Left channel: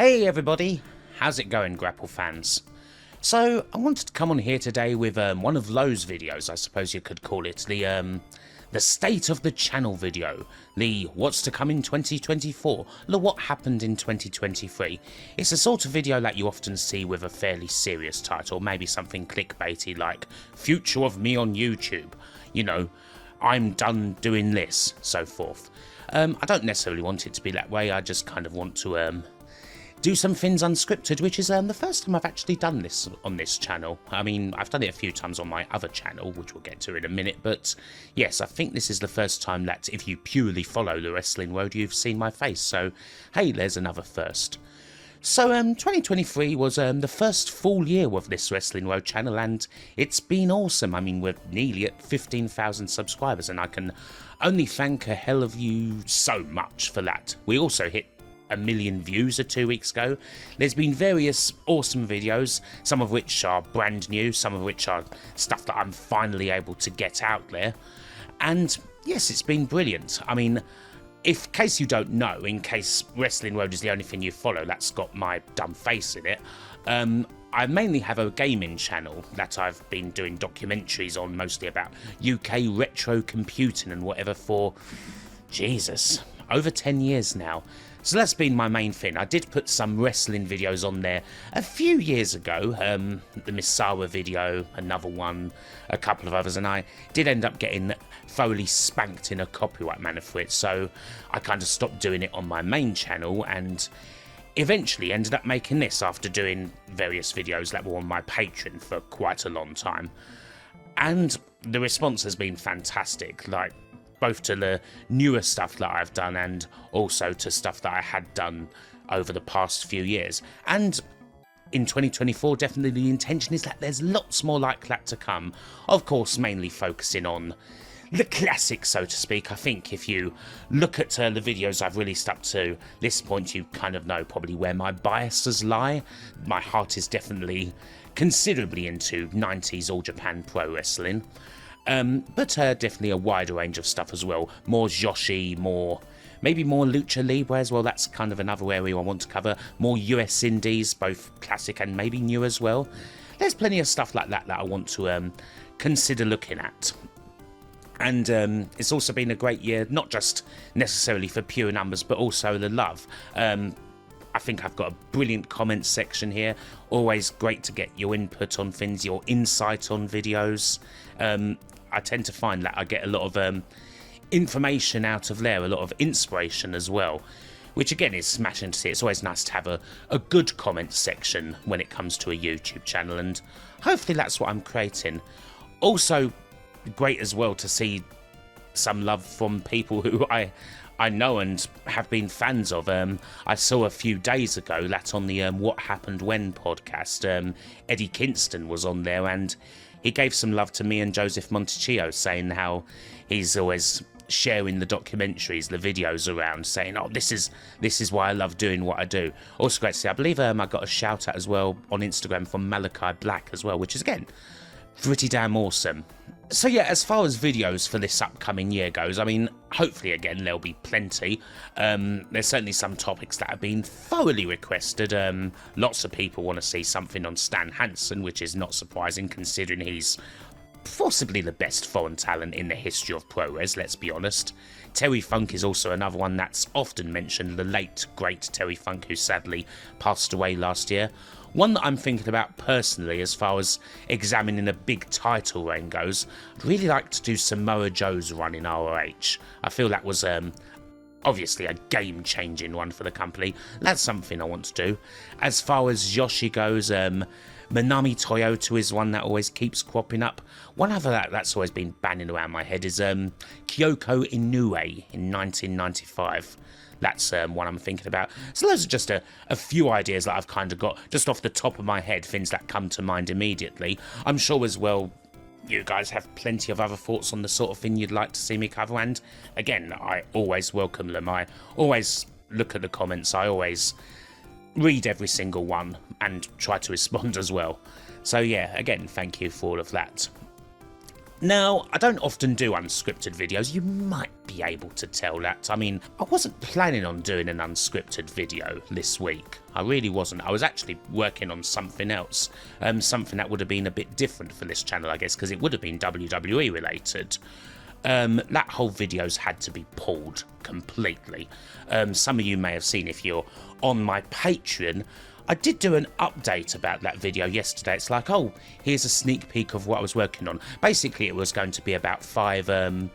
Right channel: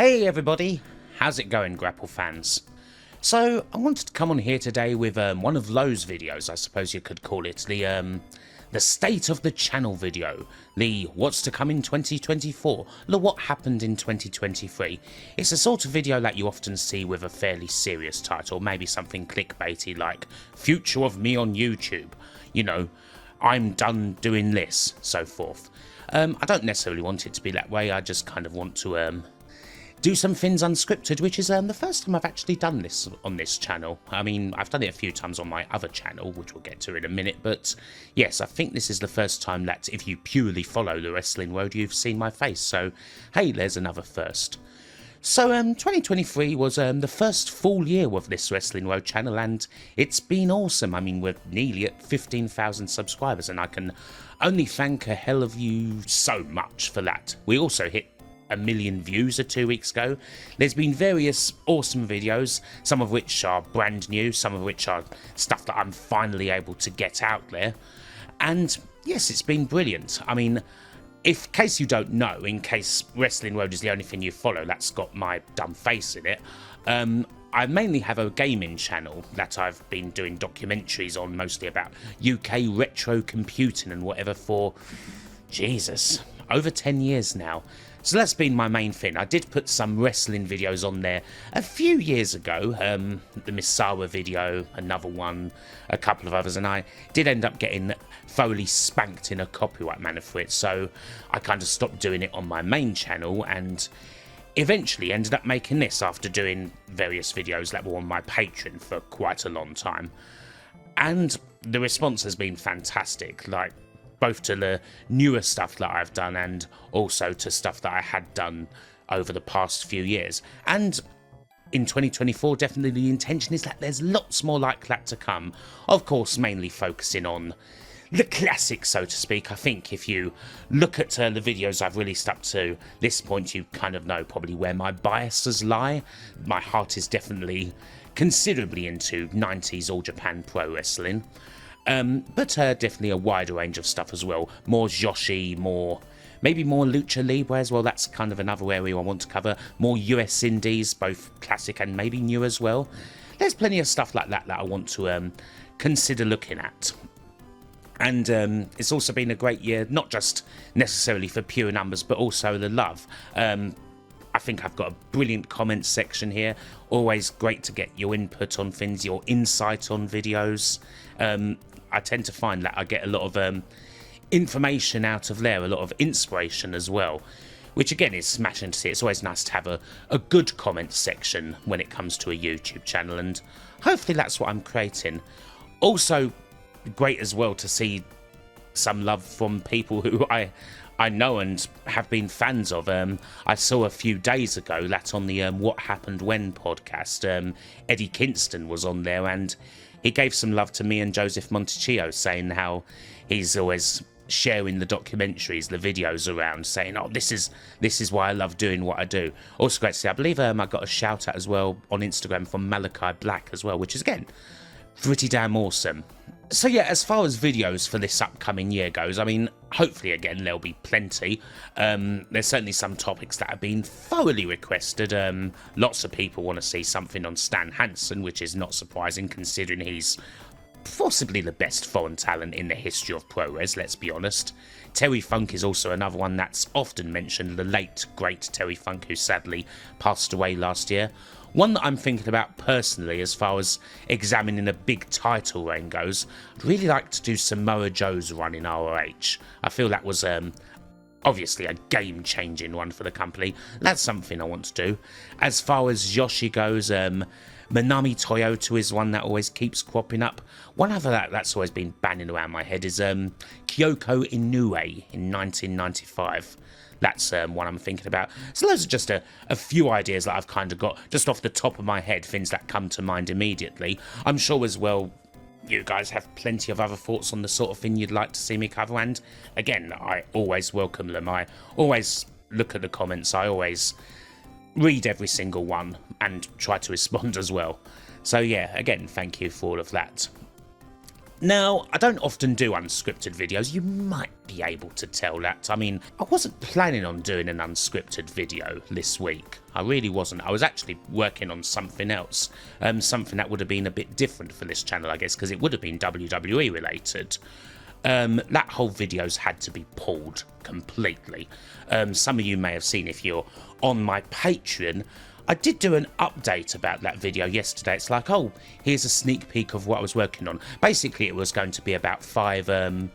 Hey everybody, how's it going, grapple fans? So I wanted to come on here today with one of Lowe's videos, I suppose you could call it, the state of the channel video, the what's to come in 2024, the what happened in 2023. It's the sort of video that you often see with a fairly serious title, maybe something clickbaity like future of me on YouTube, you know, I'm done doing this, so forth. I don't necessarily want it to be that way, I just kind of want to do some things unscripted, which is the first time I've actually done this on this channel. I mean, I've done it a few times on my other channel, which we'll get to in a minute, but yes, I think this is the first time that if you purely follow the wrestling road, you've seen my face, so hey, there's another first. So 2023 was the first full year of this Wrestling Road channel, and it's been awesome. I mean, we're nearly at 15,000 subscribers, and I can only thank a hell of you so much for that. We also hit 1 million views 2 weeks ago. There's been various awesome videos, some of which are brand new, some of which are stuff that I'm finally able to get out there. And yes, it's been brilliant. I mean, in case you don't know, in case Wrestling Road is the only thing you follow that's got my dumb face in it, I mainly have a gaming channel that I've been doing documentaries on, mostly about UK retro computing and whatever for, Jesus, over 10 years now. So that's been my main thing. I did put some wrestling videos on there a few years ago, the Misawa video, another one, a couple of others, and I did end up getting thoroughly spanked in a copyright manner for it, so I kind of stopped doing it on my main channel and eventually ended up making this after doing various videos that were on my Patreon for quite a long time. And the response has been fantastic, like both to the newer stuff that I've done and also to stuff that I had done over the past few years. And in 2024, definitely the intention is that there's lots more like that to come. Of course, mainly focusing on the classics, so to speak. I think if you look at the videos I've released up to this point, you kind of know probably where my biases lie. My heart is definitely considerably into 90s All Japan Pro Wrestling. But definitely a wider range of stuff as well. More Joshi, maybe more Lucha Libre as well. That's kind of another area I want to cover. More US Indies, both classic and maybe new as well. There's plenty of stuff like that that I want to consider looking at. And it's also been a great year, not just necessarily for pure numbers, but also the love. I think I've got a brilliant comments section here. Always great to get your input on things, your insight on videos. I tend to find that I get a lot of information out of there, a lot of inspiration as well, which again is smashing to see. It's always nice to have a good comment section when it comes to a YouTube channel, and hopefully that's what I'm creating. Also great as well to see some love from people who I know and have been fans of. I saw a few days ago that on the What Happened When podcast, Eddie Kingston was on there, and he gave some love to me and Joseph Montecchio, saying how he's always sharing the documentaries, the videos around, saying, oh, this is why I love doing what I do. Also great to see. I believe I got a shout out as well on Instagram from Malachi Black as well, which is again pretty damn awesome. So yeah, as far as videos for this upcoming year goes, I mean, hopefully again there'll be plenty. There's certainly some topics that have been thoroughly requested. Lots of people want to see something on Stan Hansen, which is not surprising considering he's possibly the best foreign talent in the history of pro res, let's be honest. Terry Funk is also another one that's often mentioned, the late great Terry Funk, who sadly passed away last year. One that I'm thinking about personally as far as examining a big title reign goes, I'd really like to do Samoa Joe's run in ROH. I feel that was obviously a game-changing one for the company. That's something I want to do. As far as Joshi goes, Manami Toyota is one that always keeps cropping up. One other that's always been banging around my head is Kyoko Inoue in 1995. That's one I'm thinking about. So those are just a few ideas that I've kind of got just off the top of my head, things that come to mind immediately. I'm sure as well you guys have plenty of other thoughts on the sort of thing you'd like to see me cover, and again, I always welcome them. I always look at the comments, I always read every single one and try to respond as well. So yeah, again, thank you for all of that. Now, I don't often do unscripted videos, you might be able to tell that. I mean, I wasn't planning on doing an unscripted video this week. I really wasn't. I was actually working on something else. Something that would have been a bit different for this channel, I guess, because it would have been WWE related. That whole video's had to be pulled completely. Some of you may have seen if you're on my Patreon. I did do an update about that video yesterday. It's like, oh, here's a sneak peek of what I was working on. Basically, it was going to be about 5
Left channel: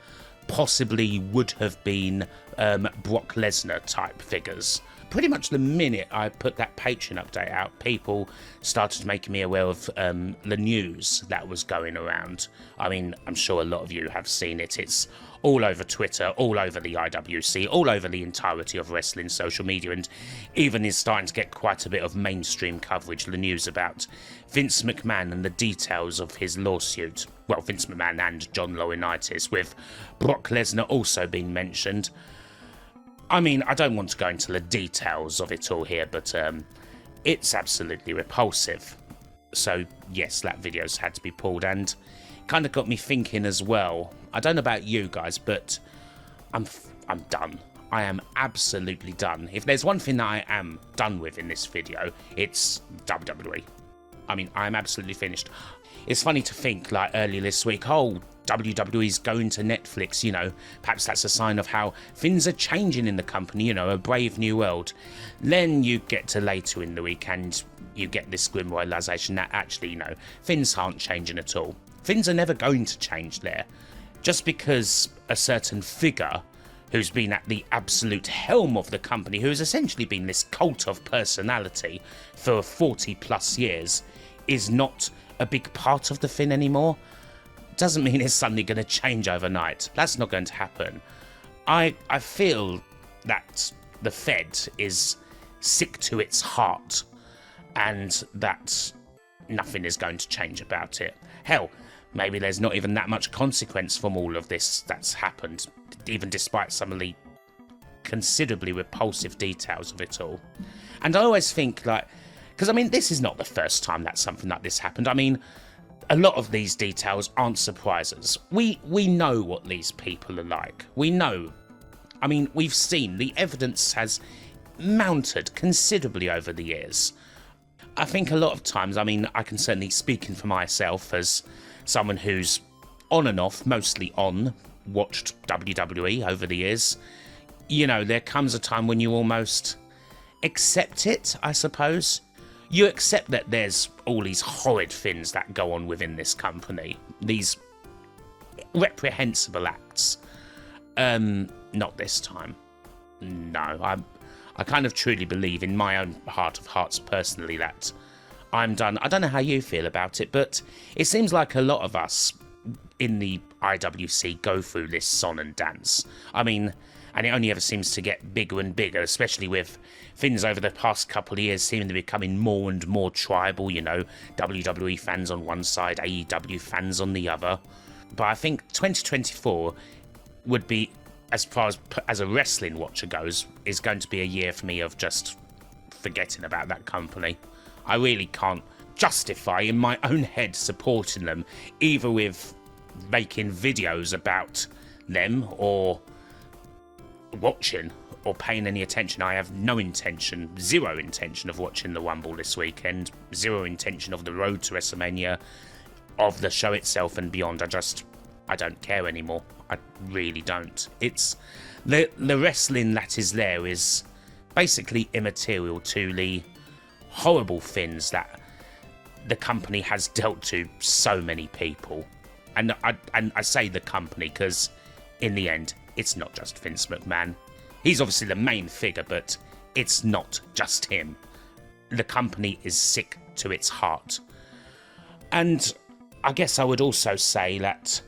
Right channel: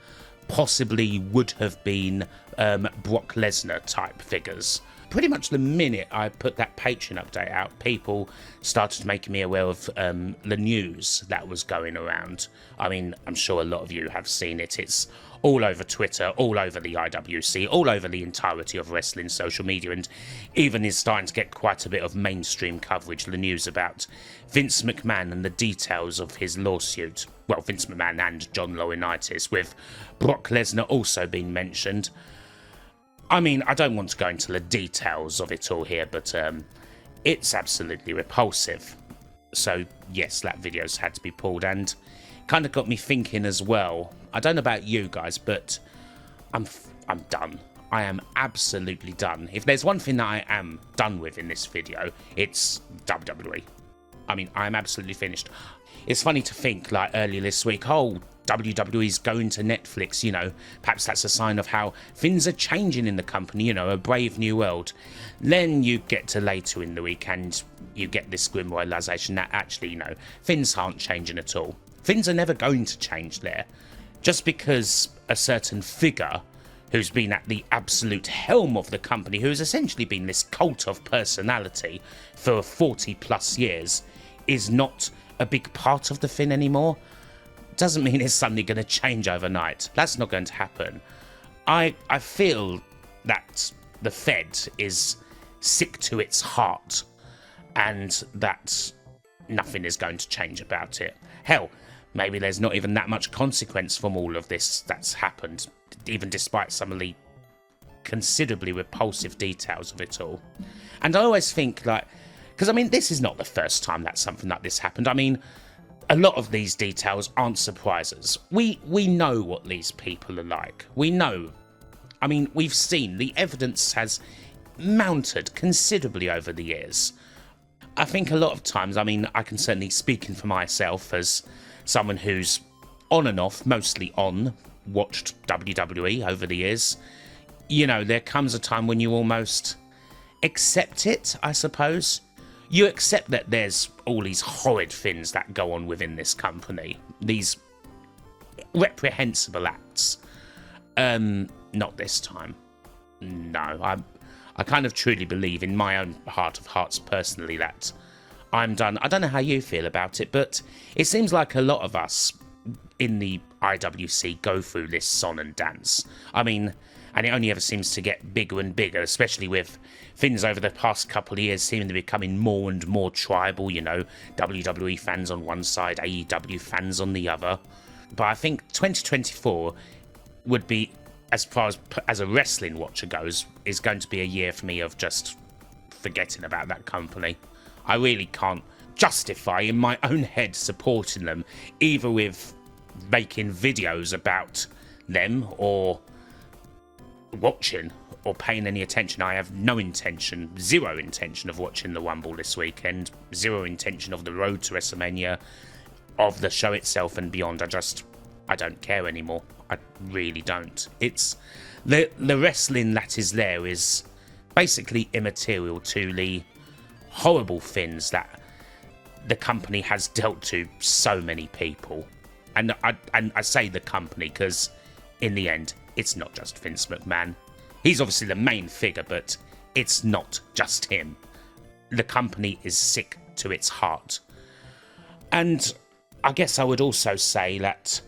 possibly would have been Brock Lesnar type figures. Pretty much the minute I put that Patreon update out, people started making me aware of the news that was going around. I mean, I'm sure a lot of you have seen it. It's all over Twitter, all over the IWC, all over the entirety of wrestling social media, and even is starting to get quite a bit of mainstream coverage, the news about Vince McMahon and the details of his lawsuit. Well, Vince McMahon and John Laurinaitis, with Brock Lesnar also being mentioned. I mean, I don't want to go into the details of it all here, but it's absolutely repulsive. So, yes, that video's had to be pulled, and kind of got me thinking as well. I don't know about you guys, but I'm done. I am absolutely done. If there's one thing that I am done with in this video, it's WWE. I mean, I'm absolutely finished. It's funny to think, like, earlier this week, oh, WWE's going to Netflix, you know, perhaps that's a sign of how things are changing in the company, you know, a brave new world. Then you get to later in the week and you get this grim realisation that actually, you know, things aren't changing at all. Things are never going to change there. Just because a certain figure who's been at the absolute helm of the company, who has essentially been this cult of personality for 40 plus years, is not a big part of the thing anymore, doesn't mean it's suddenly going to change overnight. That's not going to happen. I feel that the Fed is sick to its heart and that nothing is going to change about it. Hell, maybe there's not even that much consequence from all of this that's happened, even despite some of the considerably repulsive details of it all. And I always think, like, because I mean, this is not the first time that something like this happened. I mean, a lot of these details aren't surprises. We know what these people are like. We know. I mean, we've seen the evidence has mounted considerably over the years. I think a lot of times, I mean, I can certainly speak for myself as someone who's on and off, mostly on, watched WWE over the years. You know, there comes a time when you almost accept it, I suppose. You accept that there's all these horrid things that go on within this company, these reprehensible acts. Not this time. No, I kind of truly believe in my own heart of hearts personally that I'm done. I don't know how you feel about it, but it seems like a lot of us in the IWC go through this song and dance. I mean, and it only ever seems to get bigger and bigger, especially with things over the past couple of years seeming to be becoming more and more tribal, you know, WWE fans on one side, AEW fans on the other. But I think 2024 would be, as far as a wrestling watcher goes, is going to be a year for me of just forgetting about that company. I really can't justify in my own head supporting them, either with making videos about them or watching or paying any attention. I have no intention, zero intention of watching the Rumble this weekend, zero intention of the road to WrestleMania, of the show itself and beyond. I don't care anymore. I really don't. It's the wrestling that is there is basically immaterial to the horrible things that the company has dealt to so many people. And I say the company because in the end, it's not just Vince McMahon. He's obviously the main figure, but it's not just him. The company is sick to its heart. And I guess I would also say that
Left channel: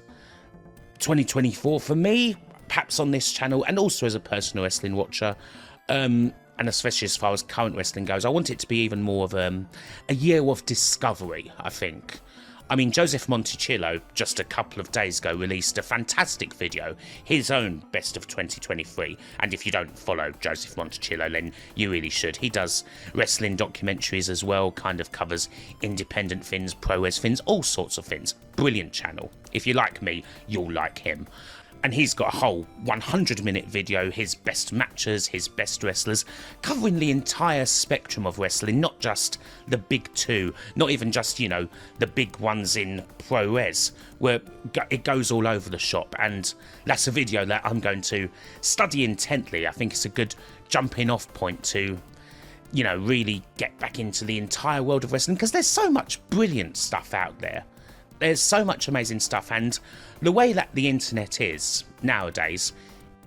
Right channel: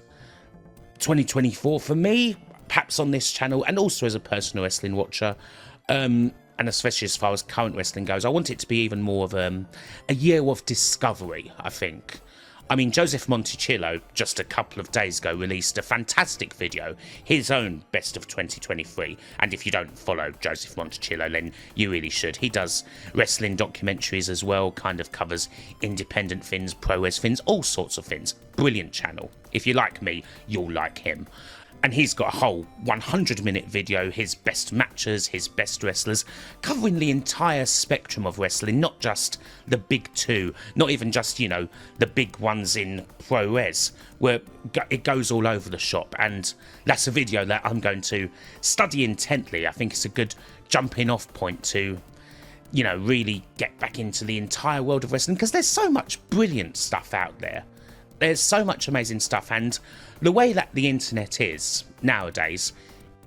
2024 for me, perhaps on this channel, and also as a personal wrestling watcher, and especially as far as current wrestling goes, I want it to be even more of a year of discovery, I think. I mean, Joseph Monticillo, just a couple of days ago, released a fantastic video, his own best of 2023. And if you don't follow Joseph Monticillo, then you really should. He does wrestling documentaries as well, kind of covers independent things, pro wrestling things, all sorts of things. Brilliant channel. If you like me, you'll like him. And he's got a whole 100-minute video, his best matches, his best wrestlers, covering the entire spectrum of wrestling, not just the big two, not even just, you know, the big ones in pro res, where it goes all over the shop. And that's a video that I'm going to study intently. I think it's a good jumping off point to, you know, really get back into the entire world of wrestling, because there's so much brilliant stuff out there. There's so much amazing stuff, and the way that the internet is nowadays,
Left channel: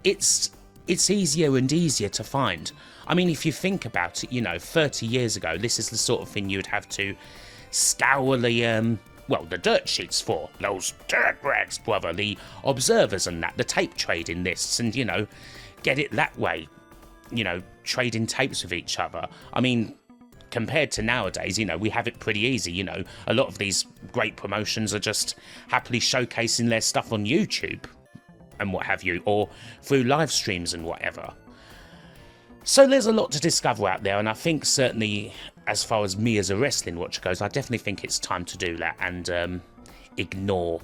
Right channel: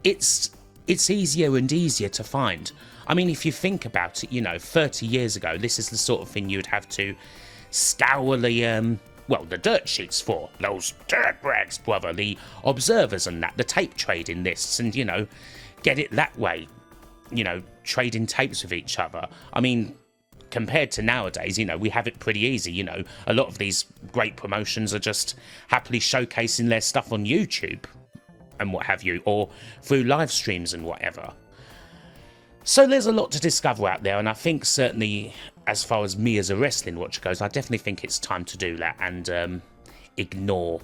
it's easier and easier to find. I mean, if you think about it, you know, 30 years ago, this is the sort of thing you'd have to scour the, well, the dirt sheets for. Those dirt rags, brother, the observers and that, the tape trading lists, and, you know, get it that way. You know, trading tapes with each other. I mean, compared to nowadays, you know, we have it pretty easy. You know, a lot of these great promotions are just happily showcasing their stuff on YouTube and what have you, or through live streams and whatever. So there's a lot to discover out there, and I think certainly as far as me as a wrestling watcher goes, I definitely think it's time to do that and ignore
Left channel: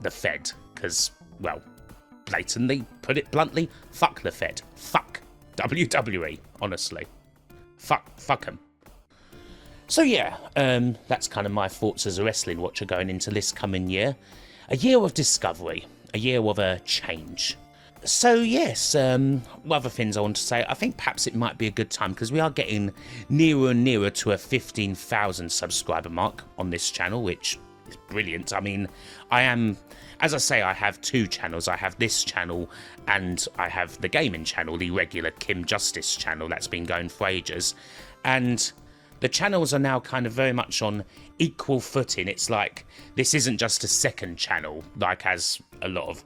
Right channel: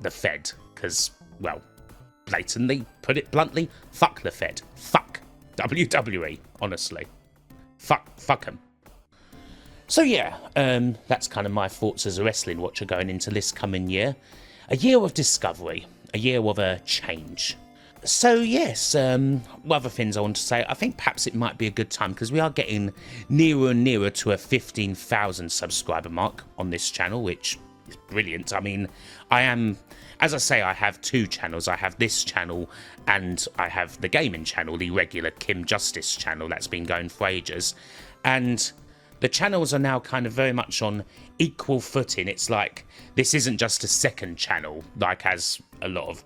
the Fed, because, well, blatantly, put it bluntly, fuck the Fed. Fuck WWE, honestly. Fuck them. So yeah, that's kind of my thoughts as a wrestling watcher going into this coming year. A year of discovery, a year of a change. So yes, other things I want to say, I think perhaps it might be a good time, because we are getting nearer and nearer to a 15,000 subscriber mark on this channel, which is brilliant. I mean, as I say, I have two channels. I have this channel and I have the gaming channel, the regular Kim Justice channel that's been going for ages. And the channels are now kind of very much on equal footing. It's like, this isn't just a second channel, like as a lot of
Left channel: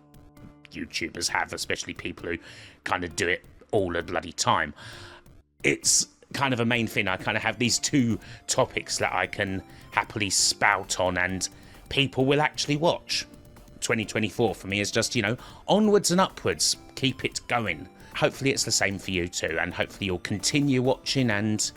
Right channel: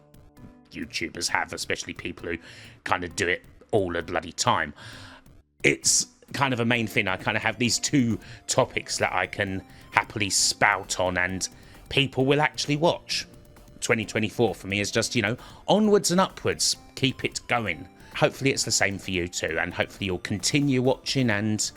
YouTubers have, especially people who kind of do it all the bloody time. It's kind of a main thing. I kind of have these two topics that I can happily spout on and people will actually watch. 2024 for me is just, you know, onwards and upwards. Keep it going. Hopefully it's the same for you too, and hopefully you'll continue watching and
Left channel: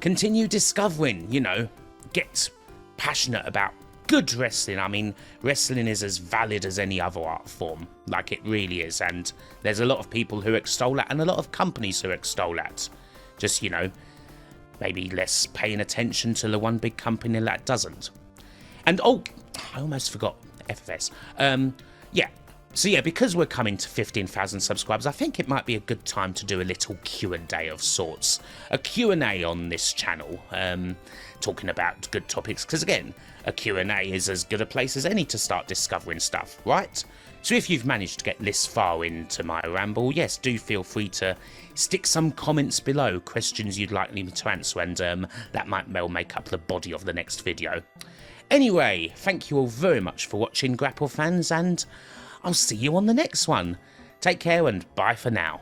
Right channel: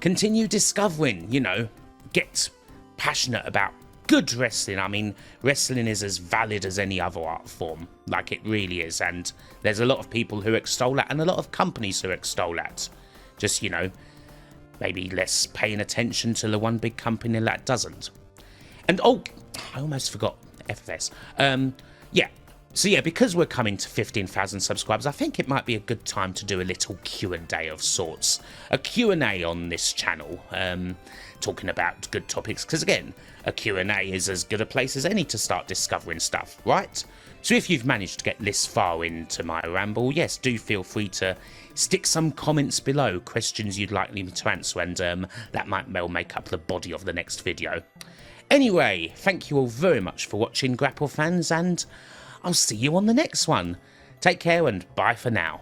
continue discovering, you know, get passionate about good wrestling. I mean, wrestling is as valid as any other art form, like it really is, and there's a lot of people who extol that and a lot of companies who extol that. Just, you know, maybe less paying attention to the one big company that doesn't. And oh, I almost forgot FFS. Yeah. So yeah, because we're coming to 15,000 subscribers, I think it might be a good time to do a little Q&A of sorts. A Q&A on this channel, talking about good topics, because again, a Q&A is as good a place as any to start discovering stuff, right? So if you've managed to get this far into my ramble, yes, do feel free to stick some comments below, questions you'd like me to answer, and that might well make up the body of the next video. Anyway, thank you all very much for watching, Grapple fans, and I'll see you on the next one. Take care and bye for now.